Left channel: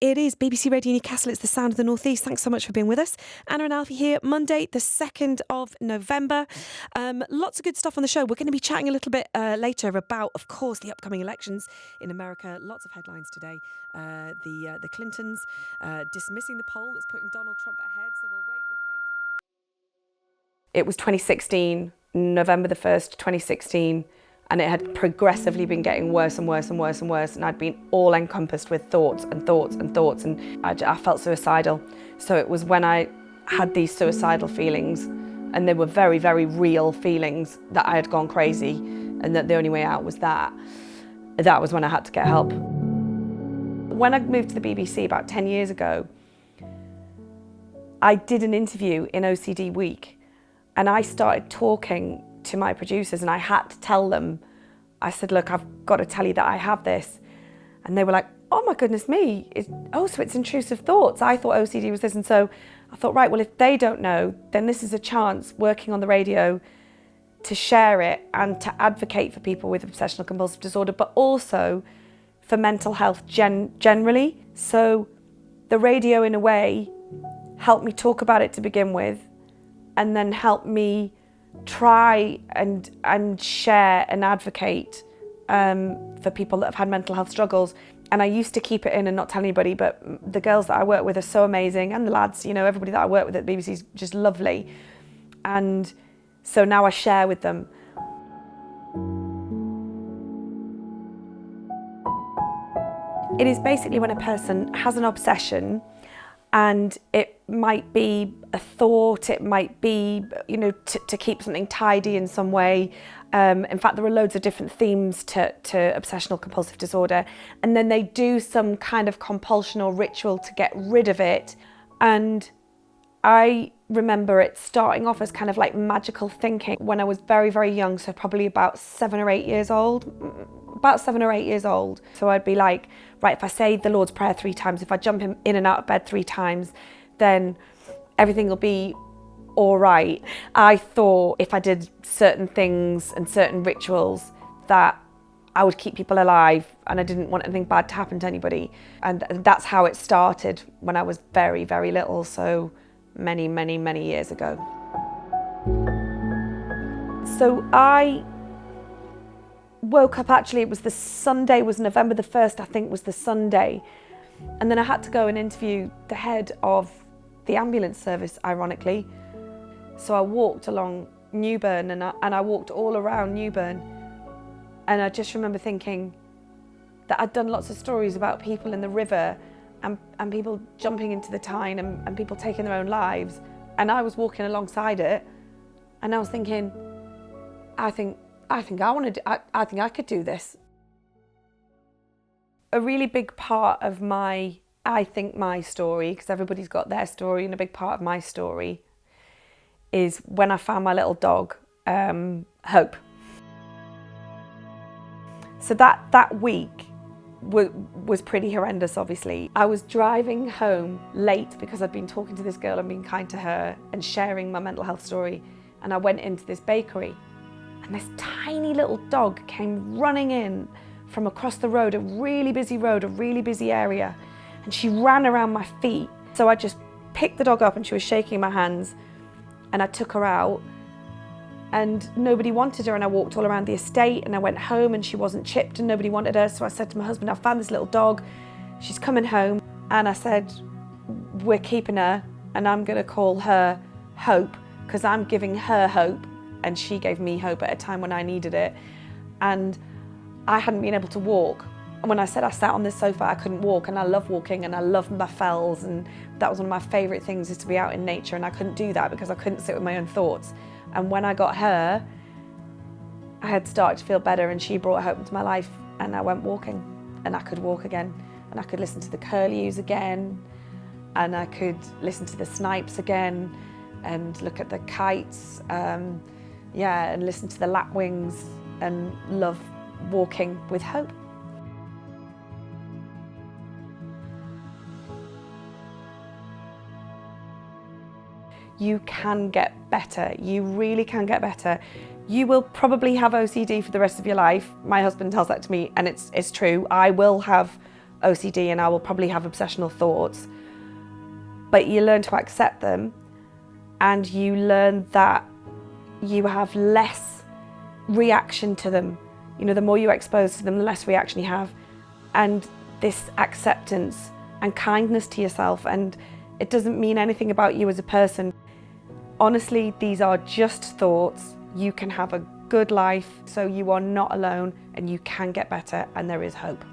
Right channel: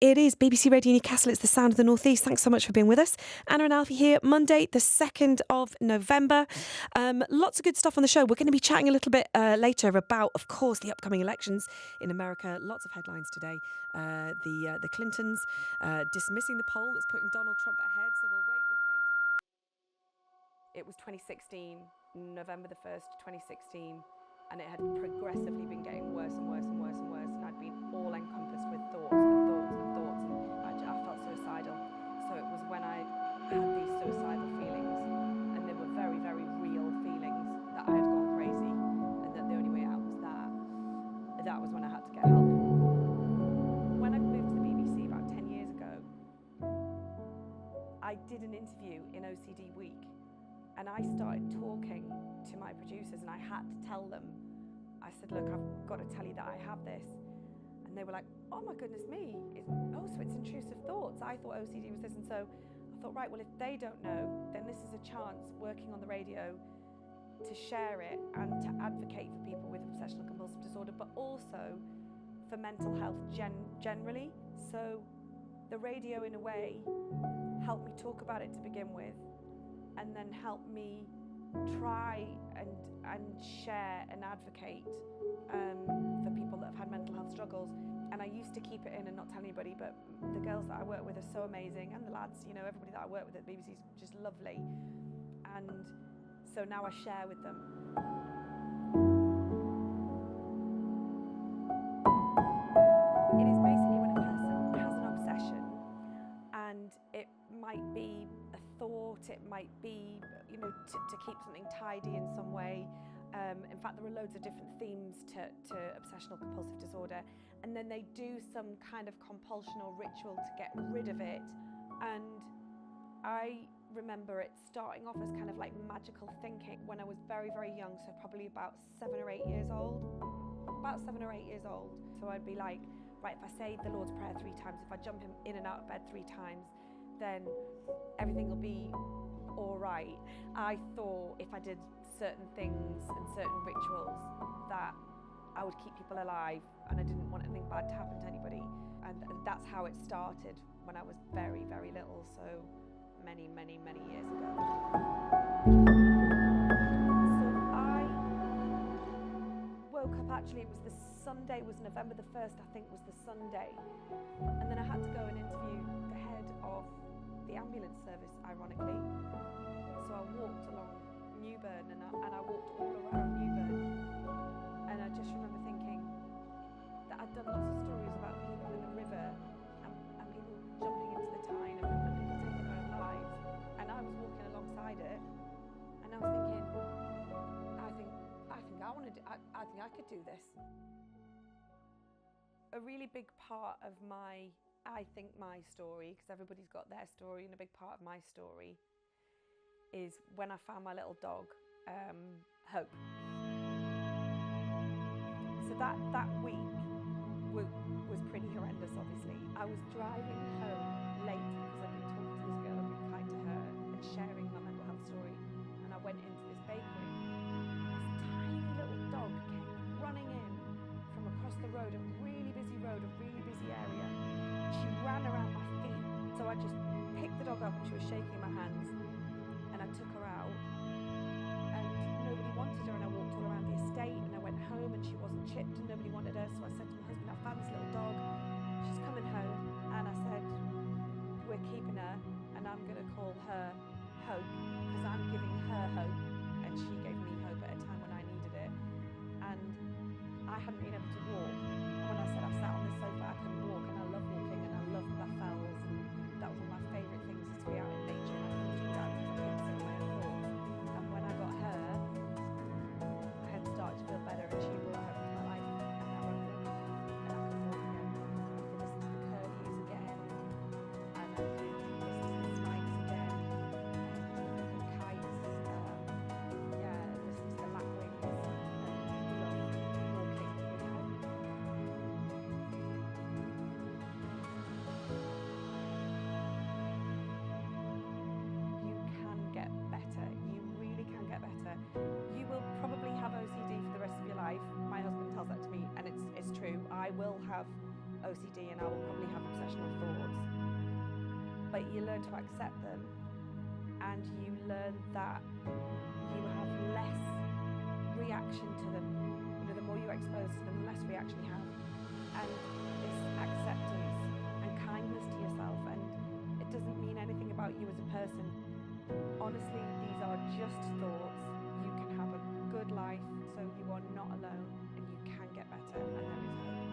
It is BBC Radio Newcastle. It's the sound of the North East. Thanks so much for being with us. Anna and Alfie here, Monday, the 2nd of November. Lots of good stuff on the show. We're going to be chatting a little bit later about, of course, the upcoming elections in America. Lots of headlines today. The Clintons dismissing the poll that's putting Donald Trump ahead. So we'll wait with bated breath. It was 2016, November the 1st, 2016. And it had progressively been getting worse and worse and worse and worse. And I'd been all encompassed with thoughts and thoughts and thoughts. And I felt suicidal. So it was when I had these suicidal feelings, and they were very, very real feelings, that I had gone crazy and that the only way out was that. That was when I had to get help. When I moved to the BBC about 10 years ago, I did an interview in OCD Week, and I started talking to my producers, and I had to tell them, I said, look, I've got to tell you that I have this. And they were like, oh my goodness me, so it's intrusive thoughts. I thought OCD was this. And so I thought, right, well, if they don't know, then this is a chance, working on the radio, to share it and to advocate for people with obsessional compulsive disorder, but also for mental health generally. So the radio, in a way, helped me talk about it to begin with, and then helped me try and share and advocate for people that have had mental health struggles. And I used to keep it in and not tell anybody, but the girls that I work with are so amazing, and the lads, everybody that I work with at the BBC is just lovely. And so now I share with them. It is basically when a person has an obsession, and it might be a thought, it might be, to keep something tidy in some way. In fact, there are loads of different themes to obsessional compulsive disorder. And then they do some kind of compulsion or ritual to get rid of it. And I remember it starting off as kind of like magical thinking when I was very, very young, so probably about 7 or 8 years old. So I'd be like, right, if I say the Lord's Prayer 3 times, if I jump in and out of bed 3 times, then everything will be all right. I thought if I did certain things and certain rituals that I would keep people alive, and I didn't want anything bad to happen to anybody. And that's how it started when I was very, very little, so many, many, many years ago. So I woke up, actually it was the Sunday, was November the 1st, I think was the Sunday. And then I had to go and interview the head of the ambulance service, ironically. So I walked along Newburn, and I walked all around Newburn. And I just remember thinking that I'd done lots of stories about people in the river and people jumping into the Tyne and people taking their own lives. And I was walking alongside it, and I was thinking, I think I think I could do this. A really big part of my story, because everybody's got their story, and a big part of my story is when I found my little dog, Hope. So that week was pretty horrendous, obviously. I was driving home late because I'd been talking to this girl and being kind to her and sharing my mental health story, and I went into this bakery. And this tiny little dog came running in from across the road, a really busy area. And she ran around my feet. So I just picked the dog up, and she was shaking in my hands. And I took her out, and nobody wanted her. And I walked all around the estate, and I went home, and she wasn't chipped, and nobody wanted her. So I said to my husband, I found this little dog. She's coming home. And I said, we're keeping her, and I'm going to call her Hope, because I'm giving her hope. And she gave me hope at a time when I needed it. And I hadn't been able to walk. And when I said I sat on this sofa, I couldn't walk, and I love walking, and I love my fells, and that was one of my favourite things, is to be out in nature, and I couldn't do that because I couldn't sit with my own thoughts. And when I got her, I had started to feel better, and she brought hope into my life, and I went walking, and I could walk again, and I could listen to the curlews again, and I could listen to the snipes again, and look at the kites, and listen to the lapwings, and love walking with hope. You can get better. You really can get better. You will probably have OCD for the rest of your life. My husband tells that to me, and it's true. I will have OCD and I will probably have obsessional thoughts. But you learn to accept them, and you learn that you have less reaction to them. You know, the more you're exposed to them, the less reaction you have. And this acceptance and kindness to yourself, and it doesn't mean anything about you as a person. Honestly, these are just thoughts. You can have a good life, so you are not alone, and you can get better, and there is hope.